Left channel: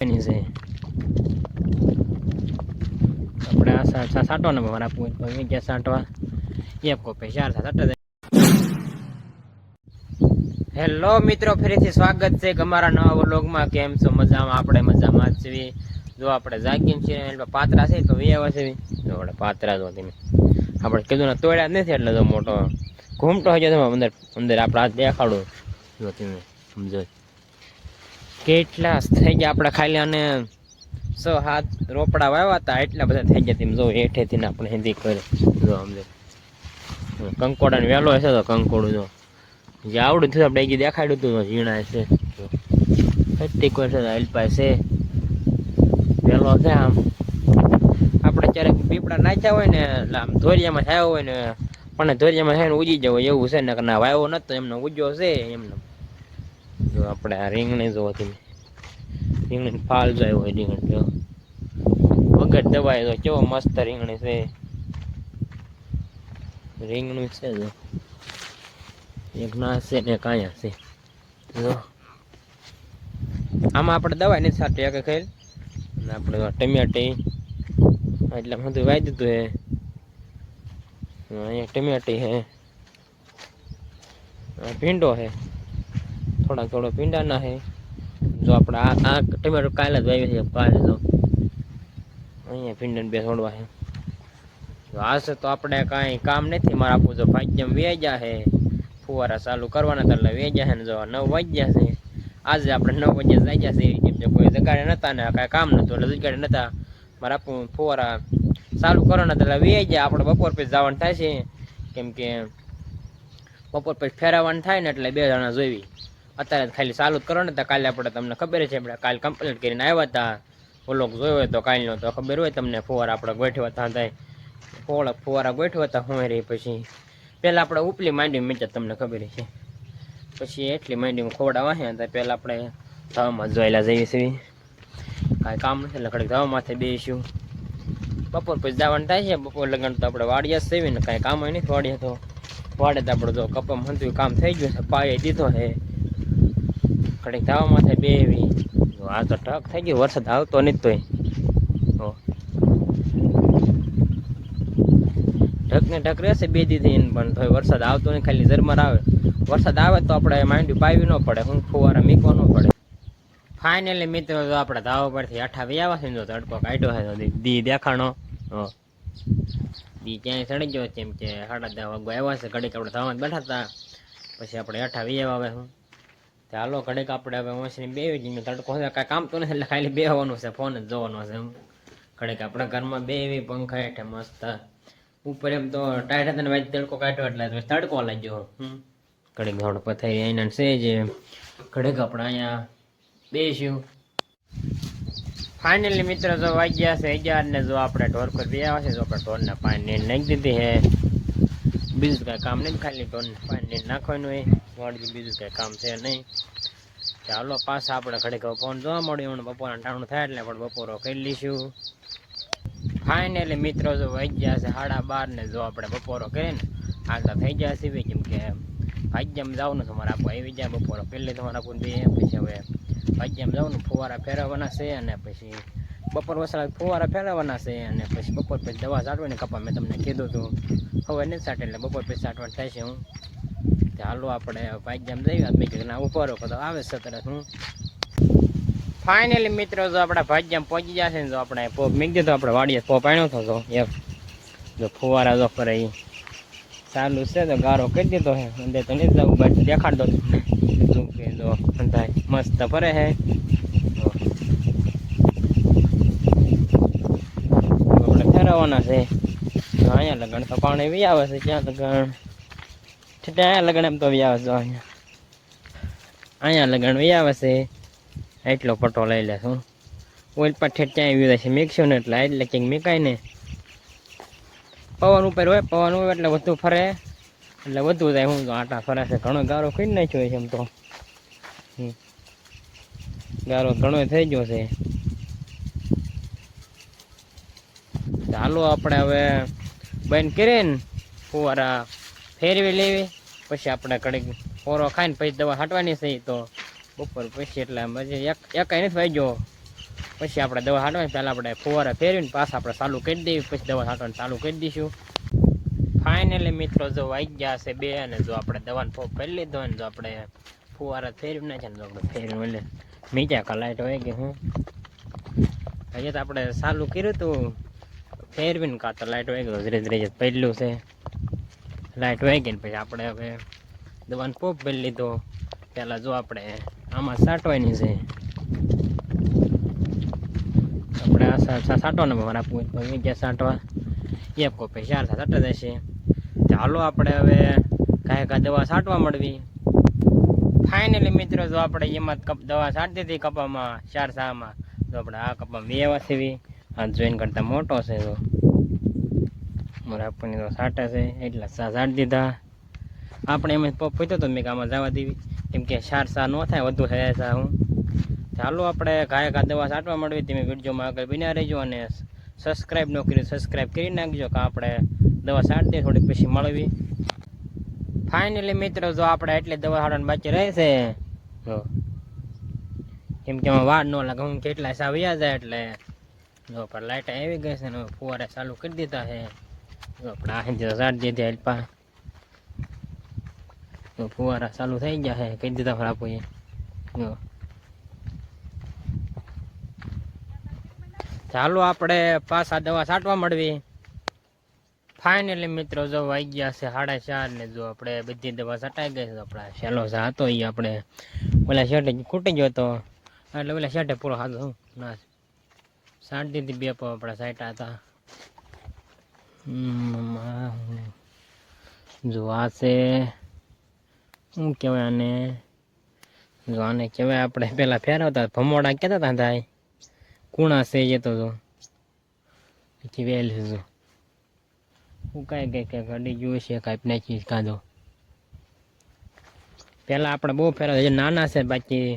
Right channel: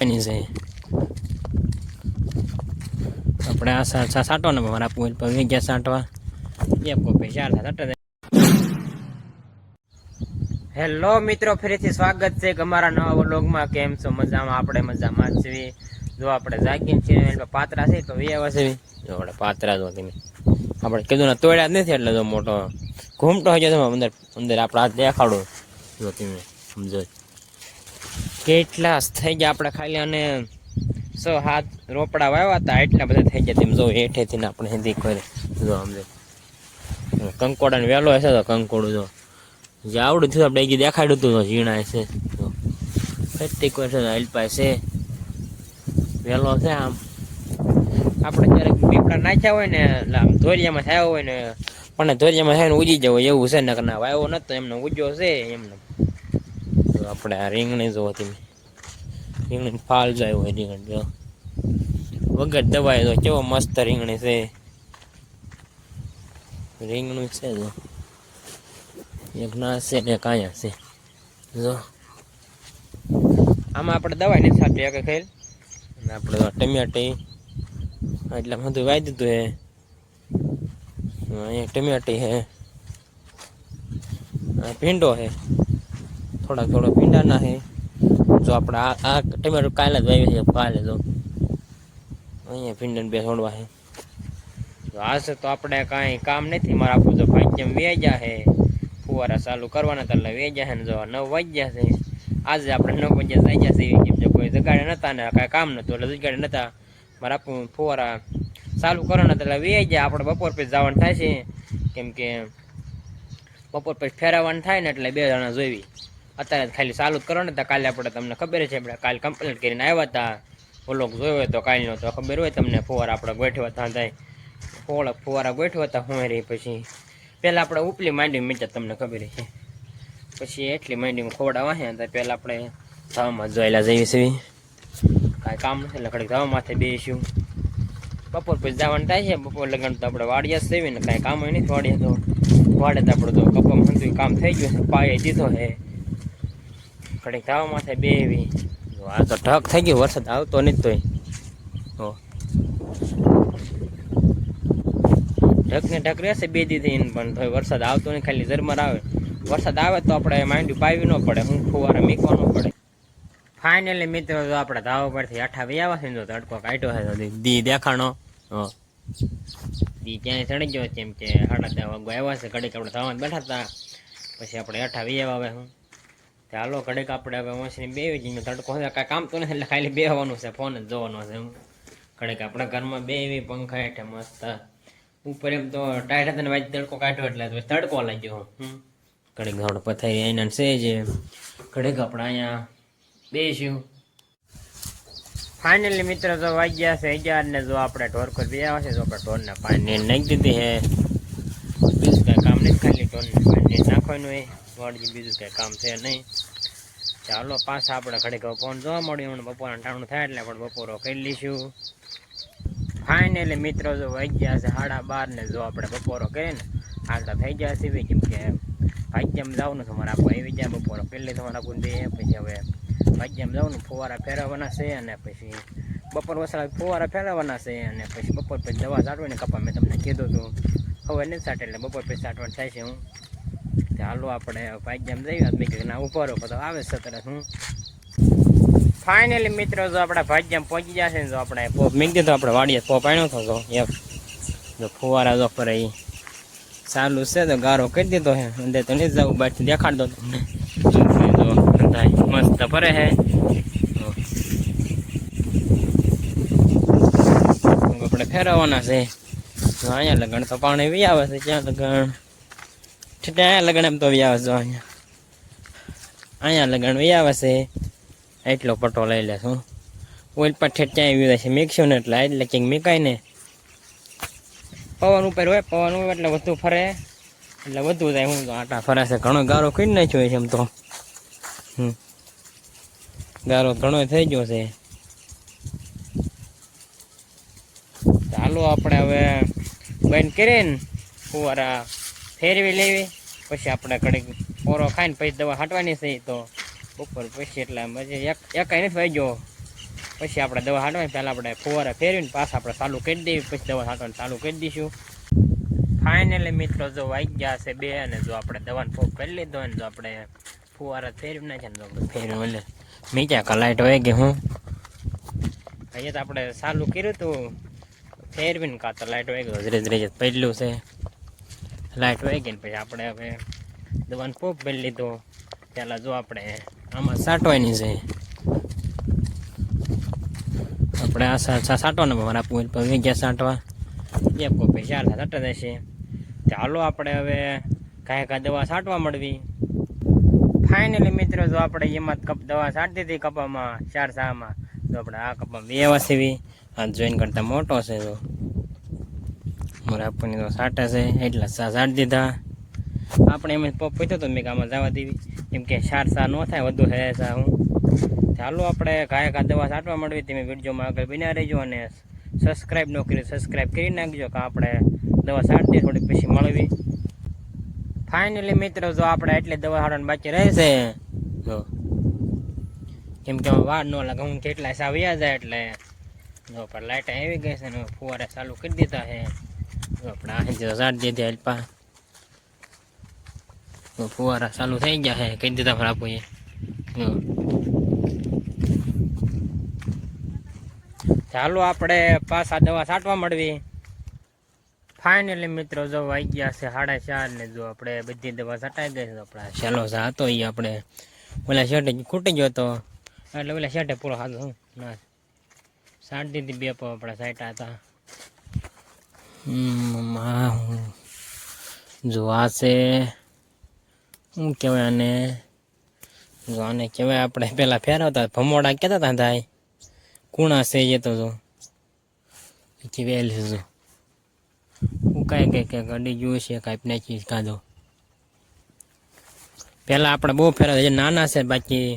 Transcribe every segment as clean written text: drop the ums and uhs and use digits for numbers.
ની છે આપણે આ સાટો ને મારા પૂલ પર ગયા સાટવા એક કોપે ચાર સાટા. હેલો મિત્રો, ફરીથી સ્વાગત છે અમારા નવા વ્લોગમાં. કેમ છો? મજામાં? આપણે મજામાં જ છીએ. જો આપણે જાગીને છીએ પાત્રા છે તો વ્યવહાર છે. જો આપણે પાત્રા જો તમે આપણે કીધું ને તોડ્યા જ નથી એટલે જો મોટો ઘૂમટો હોય છે અંદર અંદર આપણે હાથ દેખાડો. જો તમે સમજો કેટલા થઈ ગયા આપણે ખાલી અને 6-7 રોપડા વાવ્યા હતા એટલા બધા થઈ ગયા. તેમ જો હેઠેથી આપણે હિન્દી કરે જો સમજો કંકોડાને વહેલો હશે તો કંકોડું જો જે આવડું થયું આપણે દેખાડ્યું હતું ઝીણા છે ફેટી કોઈ છે અલ્પા છે વહેલો છે. આમ આપણે જ્યારે પીપળા નાખ્યા હોય ને એટલે આમ ધોરિયામાં થયા હોય ને પણ ધોરિયામાં થઈને ઉજી જવો એવું છે ને ના વાવ્યો નતો એમને ઉજ્યો છે એમને. તો આપણે આ રીંગણી જોવો તમે રીંગણી ફાલ જાય હોય રીંગણ જો વગર દવાઈ તો કેવો મસ્ત રીંગણી છે. રીંગણું છે જો એક ના છે ને કાયા છે જો આમાં આપણે દવાઈ નથી થતી એક ખેલ અને આપણે ટમેટી એટલે બધું વાવી દીધું હે. અહીંયા ટમેટી હે ભીંડો હે થોડો ભીંડાના હે. જો આપણે આ ટમેટું કાલે જ વાવી છે કાલે જો અહીંયા ભીંડા બે છોડવા હે. આ છે તો આપણે કાંઈ કામ નથી મારે આપવું જો ભાગ્યમ વેજા હે ફુવારા ચાલુ કરવાના હતા એટલે વેજા છે ને જો 9 વાગ્યા છે. આજે આપણે 9 વાગ્યા જાય છે કેમ કે કોઈ જગાડે નતા ને કાંઈ કામ નતું એટલે જગાડે નતા મારે આપવું ફુવારા ચાલુ કરવાના હતા એટલે વેજા આપણે બપોર પછી જવાનું થાય છે કેમ કે બપોર પછી ફેરવવાનું થાય ને એટલે 2 જણા જોઈવી. અત્યારે ખાલી ચાલુ જ કરવાના હતા. કાલે આપણે તમને ખબર છે આપણે કાલે કમ્પ્લીટ કરીને આવ્યા હતા. વ્લોગ જોયો હોય તો કાલનો તો ખબર હોય તમને ફુવારા આપણે ગોઠવ્યા હતા થાય ફુવારા ગોઠવ્યા હતા હું રહી. પછી પહેલાં આપણે ઉપલી માંડી મીટર તમને ખબર છે પછી એટલી માંડીમાં ખોવડાવા છે તો પહેલાં આપણે ધાવામાં જોયેલા જઈએ છીએ. કાંઈ કામ નથી એટલે ઘડીક ધાવા માથે બેસીશું. બપોર પછી જવાનું થાય છે. બપોર લગન તો આપણે વાડિયા જ સેવી ને કાંઈ કામ હોય નથી વાડીએ તો વાડે તો આપણે તો કપામાં હંધું કામ થઈ ગયું છે પાયે દીધો છે ઘડીક ધાવા માથે બેવી. આ તો ઢક થઈ ગયું વરસાદ આવતો નથી તોય ઢકને ઢક રહેશે 2 દીધી પણ થોડી વરસાદ આવતો નહીં ખાલી ઝરમર આવે. વરસાદ આવે તો આપણે માંડ્યું પાવી ન પડે હું ફુવારા મીકવા ન પડે. ફાઇનલી મિત્રો જો આપણે ધાવા પરથી આઠા વ્યાવા છે જો તડકો કાઢ્યો છે તો દી દેખાણો દી ત્યાં ચડી ગયો કેમ કે 10:30 વાગવા આવ્યા છે. ઘડીક આપણે ધાવા બેઠા હતા પછી આપણે આઠા વ્યાવા આવે હું ચાલો ઘડીક આપણે હવે ઓછીને બેવી જઈએ. તડકો કાંઈ કામ તો નથી એટલે ખાલી બેવાનું છે ફોન જ જોવાનો છે. હું ઘડીક આપણે ઘરમાં બેવી પંખા હેઠે મસ્ત ઉપર એમ તો ટાઈટ હતા ને વાજ તડકો કાઢ્યો એટલે તડકો લાગ્યો. ઘડીક થોડો પથારી અહીંયા છે જે ઘડીક આપણે અહીંયા બેસ્યું. ફાઇનલી મિત્રો જો વાગ્યા છે 11 ને જો આપણે ઢોર પર બે આવે છે તો આપણે ઢોરના પાણી નાખી દીધી છે. બીજું કાંઈ કામ નથી ખાલી ઢોરને પાણી નાખવાનું હોય વાળજી બીજું કાંઈ કામ છે નહીં. ચાલો પાછા આપણે ઘડીક ફોન જોવા મળ્યું હમણાં બપોરના ટાણું થાય એટલે આપણે બપોરો કરી લઈશું. ફાઇનલી મિત્રો જો વાગ્યા છે 12:30 ને જો આપણે બપોરો કરીએ ને આગળ થઈ ગયા છે કેમ કે ભાગ્યમાં જવાનું છે મારે આપવા આવી જાય બપોરો પહેલી તમારે આપું બે પછી હવે ભાગ્યમાં જવાનું ફુવારા ફેરવવાના છે અને પછી બપોર વસાડા ફુવારા ફેરવવાના છે અને પછી બપોર પછી દવા છાંટવાની કપા મેં તમને કીધું હતું હવે નથી છાંટે એટલે બપોર પછી છાંટવાનું થાય છે. હું ચાલો આપણે ભાગ્યમાં જઈએ મેં કીધું ના ઉપર તો આવે છે તરત હું. ફાઇનલી મિત્રો જો આપણે ભાગ્યમાં પહોંચી જશે ને જો આપણે પોપ મીક દીધો આપણે વાડીએ પોપ આણ્યો હતો એક જો ફુવારા જો ફરે ચાલુ છે તો ગારો કરી દીધો હે અંદર તો નહીં જવું બાજુ દેખાડ દો તમને જો મસ્ત ફરે હે. આપણે ફેરવવાના છે તો અહીંયા લગણ તો પાણી વી આવે છે ત્યાં લગણ અહીંયા લગણ એમ તો વી આવે છે અહીંયા લગણ વી આવે છે એટલો પટો લઈ લેશું ઓઇલ પર ઠેઠ ત્યાં આવી જાય છે મિક્સ્યું ને એટલે કંઈક મીકાય ને પવન ઉપર હોય પવન હોય એટલે વધુ ફરે એટલે વધુ જાય. હું તો આટા ફરે છે ઘણો ગારો કરી નાખ્યો છે એમ તો ગારો ઘણો થઈ ગયો છે. ચાલો આપણે હવે બંધ કરીએ ને ફુવારા ફેરવી લેવી પછી આપણે ઘડીક પોરો ખાઈને પછી દવા છાંટવાની છે તો બપોર પછી એટલે પછી એક નથી વાગ્યો પછી આપણે દવા છાંટવાની પહેલાં આપણે ફુવારા ફેરવીને પાછા આપણે ચાલુ કરી દઈએ, પછી દવા છાંટવાનું ચાલુ કરી દઈશું. ફાઇનલી મિત્રો જો વાગી ગયા છે 2 અને જો આપણે દવાનો પોપ કરી લીધો અને જો આપણે ફુવારા ફેરવી નાખ્યા ને આપણે ફેરવી એટલે મીજા કા લાઈટ વહી ગઈ. હું અહીંયા તો આપણે ચાલુ કર્યું હતું ફેરવીને કાં તો લાઈટ વહી ગયો, ધીરે ધીરે પડેલું છે લાઈટ વહી ગઈ ને પછી આપણે હવે દવાનો પોપ ભરી લીધો. પહેલાં જો આપણે આમાં સાંટવાની છે, આપણે આ સાંટવાના મારા પછી ગયા સાંટવા એક કોપી 4 સાંટા જશે. ચાલો આપણે હવે કાંઈ દવા છાંટવા મળવી. ફાઇનલી મિત્રો જો આપણે એમાં દવા છાંટતી હતી કપામાં 4 સામાં, તો આપણે આ કપા 2 વાસીવી આ જોઈન કરતાં મોટો છે. તો મારે આપણને તો છાંટે છે એટલા સા છાંટી દીધા. આપણે એમ પોપ પીતો તો મેં આમાં જવા દેવી, કેમ કે 4 સા ન થાય વધુ હે સા. હું ચાલો આપણે કાંઈ દવા છાંટવા મળવી. તમે વિડીયોમાં આગળ બન્યા રહેજો અને સબસ્ક્રાઈબ ન કર્યું સબસ્ક્રાઈબ કરી નાખજો કે આપણે દવા છાંટતી થોડી પછી મળવી. ફાઇનલી મિત્રો જો આપણે એટલી દવા છાંટવાની બાકી રહેશે, જો કેમ કે વાર ન લાગે હું કેટલા સા વ્યા જાય એટલે જો પર લાઇટ આવી ગઈ છે ને ફુવારા ચાલુ કરી દીધા છે. જો આપણે આ છાંટી દીધી અલ્પા, તો ફુવારા ચાલુ થઈ ગયા છે કહી દીધા ફર આપું. ચાલો આપણે પાછા દવા છાંટવા મળવી. ફાઇનલી મિત્રો જો વાગી ગયા છે 4:30 ને જો આપણે બધી દવા છટાઈ ગઈ. આપણા છેલ્લો સા હતો એ આપણે ઓલા શર્ટે ખૂટી ગયો હતો એટલે ઓલા શર્ટે પૂરો હાથો ના છાંટી દીધી 2 પો આપણા છાંટા હતા. જો આ છે શું કહેવાય આને, જો આને કહેવાય આપણે પહેલાં ફેરવતા ભમોડા કહેતા હતા થાય કુણા છે એ તો જો પછી વેલ છે. જો હું કાંઈ ગાડી જોઈ છે કાંઈ નાખી કાઢો. પહેલાં આપણે બહુ ફેરવે જે નાના છે, બાકી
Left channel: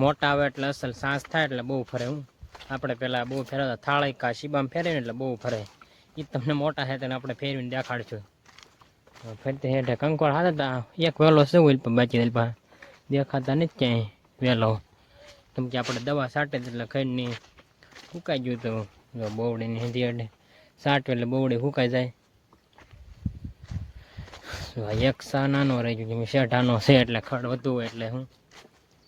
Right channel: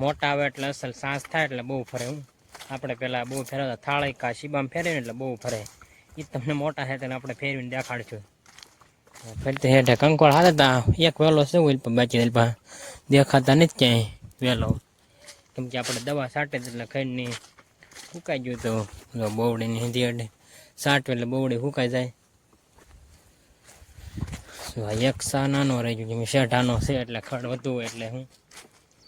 મોટા આવે એટલે અસલ સાસ થાય એટલે બહુ ફરે. હું આપણે પહેલાં બહુ ફેરવતા થાળી કા શીબામાં ફેરવીને એટલે બહુ ફરે. એ તમને મોટા છે તેને આપણે ફેરવીને દેખાડશું. ફરતી હેઠે કંકોળ હાથે તા એક વેલો છે હોય પણ બાકી દેખાતા નથી ક્યાંય વેલો, કેમ કે આપણે દવા છાંટે એટલે ખાઈને સુકાઈ ગયું તો જો બોવડીની હિંદી અડે છાંટવે એટલે બોવડી સુકાઈ જાય. એક સા નાનો રહી ગયો, જેમ શેઠ આનો છે એટલે ખડ વધુ હોય એટલે હું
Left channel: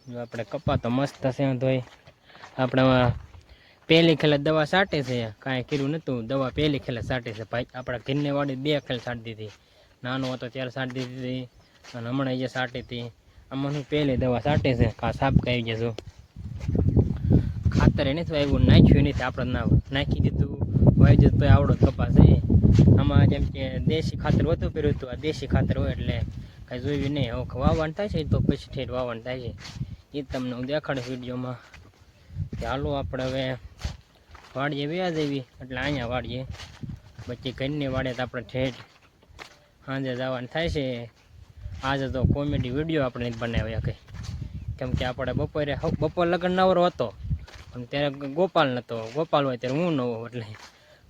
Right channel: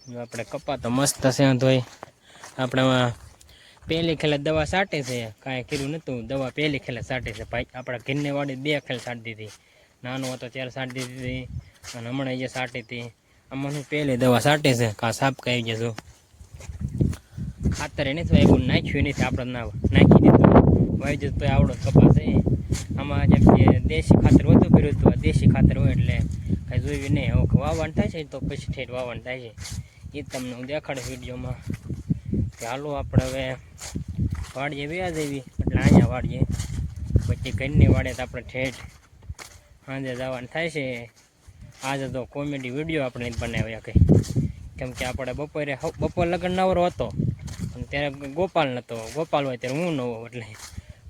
જો આપણે કપા તો મસ્ત છે. તોય આપણે પહેલી ખેલે દવા છાંટે છે, કાંઈ કર્યું નહોતું. દવા પહેલી ખેલે છાંટે છે ભાઈ. આપણા ઘરની વાડી 2 ખેલ છાંટી દીધી, નાનો હતો ત્યારે છાંટી દીધી અને હમણાં જે છાંટી હતી આમાં હું પહેલી દવા છાંટે છે. કાં સાપ કહી જશો ખાતર એ નથી એવું નાખ્યું નથી, આપણે ના નાખી દીધું વાઈ જતું તો આવડો કપાસ છે. આમાં જેમ કે દેશી ખાતર વધુ કર્યું હતું, આ દેશી ખાતર હોય એટલે કાંઈ જોયું નહીં. હવે વાવણ થાય છે તો પછી ઠેઠ વાવણ થાય છે એ તમને હું દેખાડું વિડીયોમાં. ચાલો આપણે હવે વાડીએ વ્યાજ આવી એટલે અહીંયા વાડીએ, પછી ઘરની વાડે તો આપણે ઠેઠ સાંજે જવાનું થાય છે. આજે તો કોમેડી વિડીયો આપણે બનાવ્યા કંઈ, કેમ કે આપણે બપોર લગન નવરો હતો અને ત્યારે ગોપાલ નહોતો. ગોપાલ હોય ત્યારે હું નવો, એટલે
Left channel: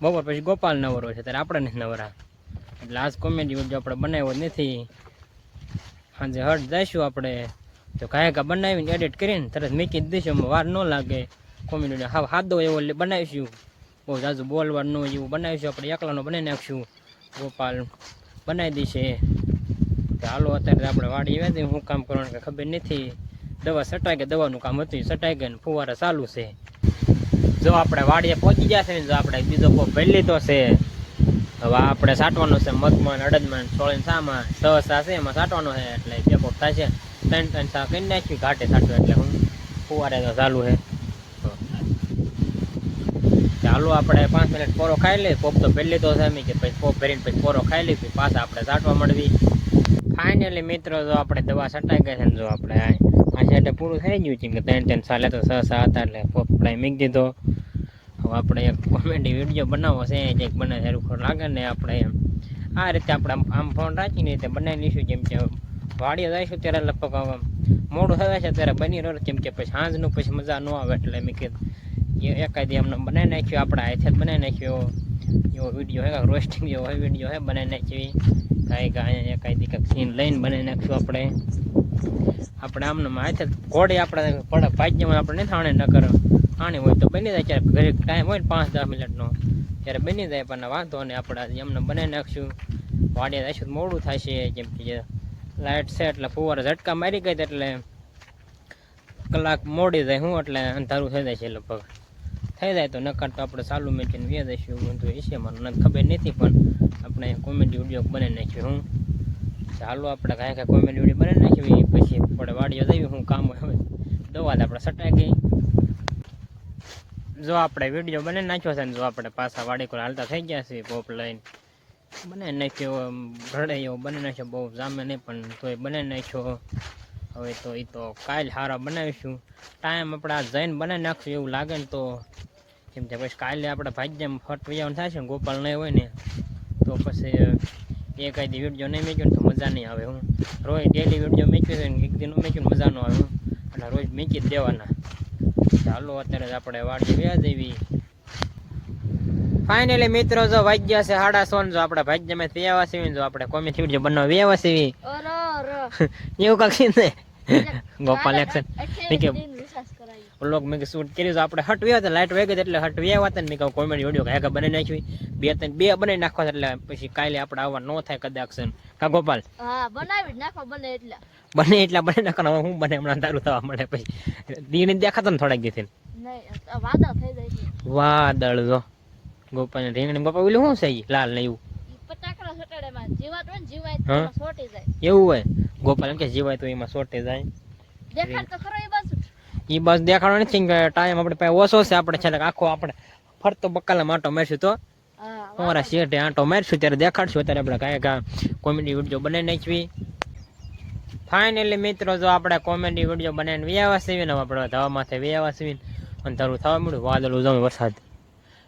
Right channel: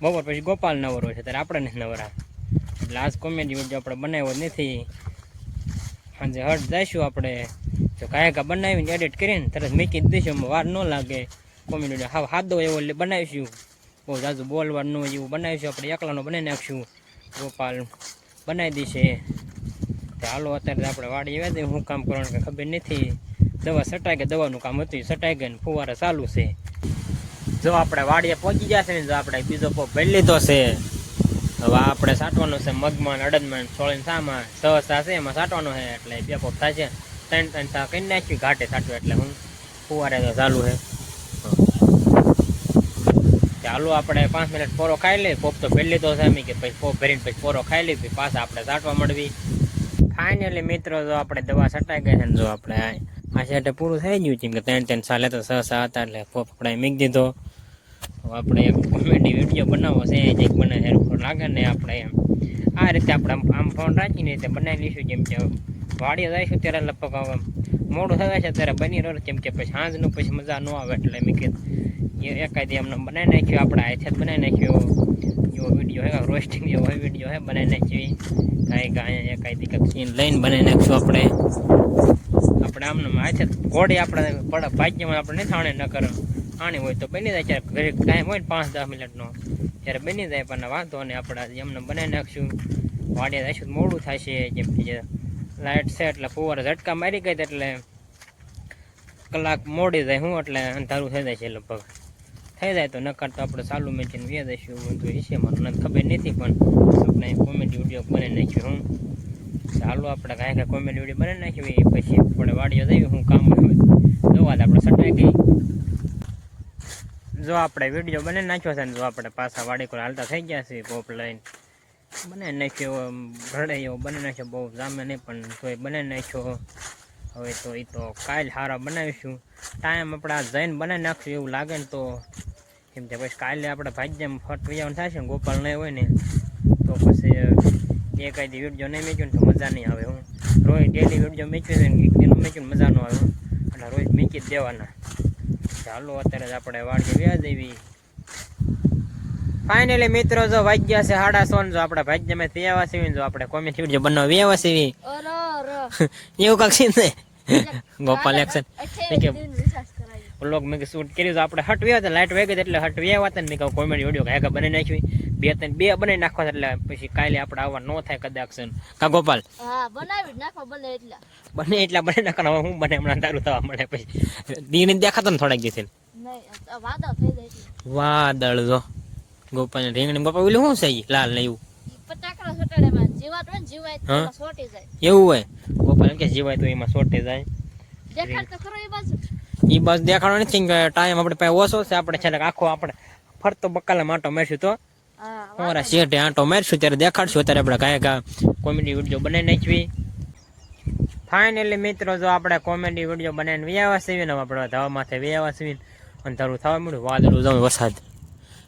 બપોર પછી ગોપાલ નવરો છે ત્યારે આપણે નથી નવરા, એટલે આજ કોમેડી વિડીયો આપણે બનાવ્યો નથી. સાંજે હટ જઈશું આપણે, જો કાંઈ બનાવીને એડિટ કરીને તરત મૂકી જ દઈશું, વાર ન લાગે. કોમેડી વિડીયો હા સાદો એવો બનાવીશું, બહુ જાજુ બોલવાનું એવું બનાવીશું. આપણે એકલાનો બનાવી નાખીશું, ગોપાલ બનાવી દઈશે. હાલો અત્યારે આપણે વાડી આવ્યા શું કામ કરવાનું કંઈ ખબર નથી. દવા છટાઈ ગઈ, દવાનું કામ હતું છટાઈ ગઈ ને ફુવારા ચાલુ છે. જો આપણે વાડીએ પહોંચી ગયા છે ને, જો આપણે બીજો પોપ ભરી લીધો છે. હવે આપણે છાંટવાનો છે મગમાં, અડદમાં, સોળીને સામાં 6 સા છે એમાં છાંટવાનો છે એટલે 2 પોપ થાય છે. 3 સા કરી નાખ્યું ઘાટે છાંટવું એટલે હું ફુવારે તો ચાલુ છે. ચાલો આપણે 5 મિનિટ પોરો ખાઈ લઈએ. પોપ તો ભરી લીધો છે અમે કે પછી પોપ ભરીને પછી પોરો ખાઈ લઈએ પછી પાછા આપણે છાંટવા મળવી. ફાઇનલી મિત્રો જો આપણે દવા છટાઈ ગઈ છે ને, જો આપણે આ સાઈડે પૂરું થઈ ગયું છે કે 3 સાલે તો 6 સા હતા એટલે પોપ આપણે મૂકી દીધો. હવે આપણે એક કોમેડી વિડીયો બનાવવો છે, જે બનાવે સારું લાગે ને આપણે એમ આ રીતે આપણે આમ ફોન રાખીને રીતે બનાવી લઈશું. જેમ કે વાડીએ જઈશું ત્યારે લગભગ મોડું થવા છે ત્યારે બની રહ્યો, કેમ કે પછી સાંજનું પછી મજા ન આવે એટલે મેં કીધું એકાદી અમને બનાવી નાખ્યો, આપણે હાથે જ બનાવી નાખ્યો એવો વિડીયો હે, રોસ્ટિંગ એવો વિડીયો હે બનાવી નાખી. કાંઈ એકાદી કંઈક સીન લઈને બનાવી નાખીશું આપણે આમને હાથે ઘોડી આપણે ભાગ્યમાં આપણે નહીં થાણે ન કરો પાણી હોય તો બની જાય, ક્યારેક ઘરે ટાઈમ હોય ને 5-10 મિનિટનો ત્યારે બની જાય, પણ વાંધો નહીં, આપણે એમને બનાવી નાખશું. વાડીએ જઈશું તો મોડું થાય છે, જેમ કે લાઇટ છે એટલે ફુવારા ઝટકા મારી ગઈ એટલે કલાક મોડી જાય હું, એટલે અંધારું થઈ જાય છે. લગભગ થઈ જાય તો નકર તો આપણે ચાલુ મેચીને વ્યા દઈશું. બધું એ છે મારું નથી ખબર નથી, પણ આપણે કોમેડી વિડીયો બનાવી નાખ્યું. હું ચાલો આપણે કાંઈ કોમેડી વિડીયો બનાવી નાખી, પછી આપણે વાડીઓ જઈએ. હું કામ હોય જોવા આપણે સટાઈ ગઈ. જો આપણે વિડીયો બનાવી નાખ્યો છે ને, જો આપણે પાછા વાડી કોઈ હાલતા થઈ ગયા છે, પોપ લઈને બનાવી નાખ્યો. ભરડે એવો બનાવી નાખ્યો, બહુ જામે નહીં પણ તોય બનાવી નાખ્યો. હવે તો એ તો કાલ સારા બનાવીશું. ટાઈમ આપણે આ જઈને બનાવી નાખશું એવું લાગે ને તો, કેમ કે પછી કાલે આપણે ભાગ્યમાં ફટ વૈયાવાનું થાય છે ને, ગોપાલ નહીં હોય ને તો પછી એકાદી વિડીયો નહીં મેક્યો ને તો મજા નહીં આવે. હું રોજ ડેલી વિડીયો મેક્યો છે ને, એક દિન મેક્યું મજા ન આવે. હું એટલે રોજ મેકી જ દેવાના. ચાલો અત્યારે જ આપણે વાડી વ્યા જઈએ. ફાઇનલી મિત્રો જો વાગ્યા છે 6:30. જો આપણે ભાગ્યમાં તૈયાર છીએ, જો આપણે કોમેડી વિડીયો બનાવવા વ્યા છીએ એવું કાંક છે ને ગોપાલ એક્શન વ્લોગ મેં શૂટ કર્યું. આપણે હટ વ્યા હતા, લાઇટ વાગી એટલે હટ વ્યા હતા ને મેં કહું કોમેડી વિડીયો કાંઈ બનાવી નાખવી. 2-3 બનાવી નાખવા એટલે પછી કાલે આપણે આવવા ન થાય કદાચ. કા ગોપાલ બને એટલા બનાવી નાખવાના. હું બને હમણાં તારું થવા મળે પછી દીને દેખાતો ને થોડાક દિવસે વાદળ. જો ગોપાલ રીંગણી ગોપાલ ઓલું શું છે લાલ ને એવું એવું હોય. ગોપાલ એમ કે જીવાય તો એમાં સોટી જાય. એ બસ દેખાડો નથી કે ટાઈમ આપણે પાસે ઓછો છે. આપણે છેલ્લે આખો આપણે ફરતો બકાલા માટો મારશું તો અમારા શેઠે આંટો મારશું ત્યારે દેખાડશું. અત્યારે આપણે કાંઈ કોમેડી વિડીયો બનાવી નાખવી. ફાઇનલી મિત્રો જો આપણે કોમેડી વિડીયો બનાવીને વ્યાવા સીવી ને આપણે ધવા માથે વ્યાવા સીવીને અંધારું થવા મળ્યું. વાદળું જમે વરસાદ.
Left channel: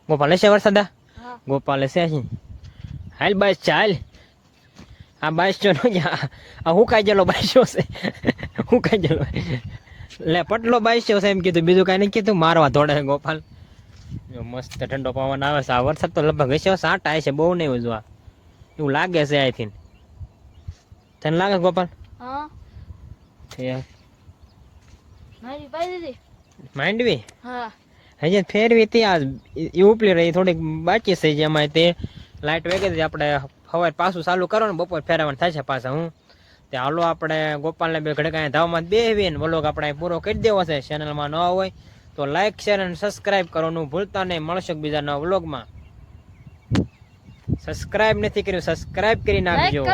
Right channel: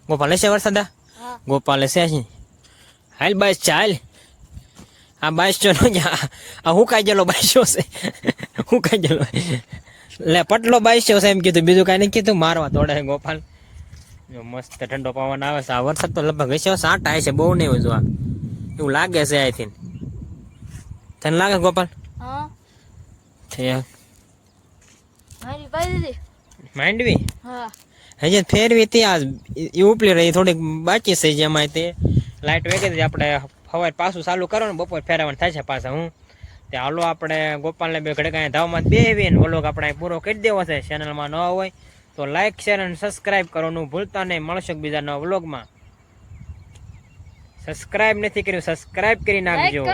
ગોપાલ હશે વરસાદ? ગોપાલ હશે. હાલ બસ ચાલ. આ બાઈસો નો આ હું કાઈ ગયેલો બાઈસો છે. હું કાઈ ગયેલો લે પટલો બાઈસો છે એમ કીધું, બીજું કાંઈ નહીં કીધું. મારવા દોડે ગોપાલ. મસ્ત ઠંડો પવન આવે છે. આ વરસાદ તો લગભગ હશે 7 આવે છે, બહુ નહીં જોવા એવું લાગે છે. આઈથી તને લાગે ગોપાલ? માંડવી હજી ફેરવી ત્યાં એ ઉપલી રહી થોડીક બાકી છે. જેમાં તે લાઇટ વેગી હતી આપણે સવારે પાછું ચાલુ કરો ને બપોર ફેરવાનું થાય છે પાછા. હું તે હાલો આપણે ગોપાલને બે ઘડે કાંઈ ધાવમાં બેવી ને વ્લોગ આપણે પૂરો કરી દેવો છે. ચેનલમાં ન હોય તો લાઈક શેર અને સબસ્ક્રાઈબ કરવાનું ભૂલતા નહીં. મળશે બીજા નવા વ્લોગમાં. સબસ્ક્રાઈબ નથી કર્યું, સબસ્ક્રાઈબ કરી નાખજો.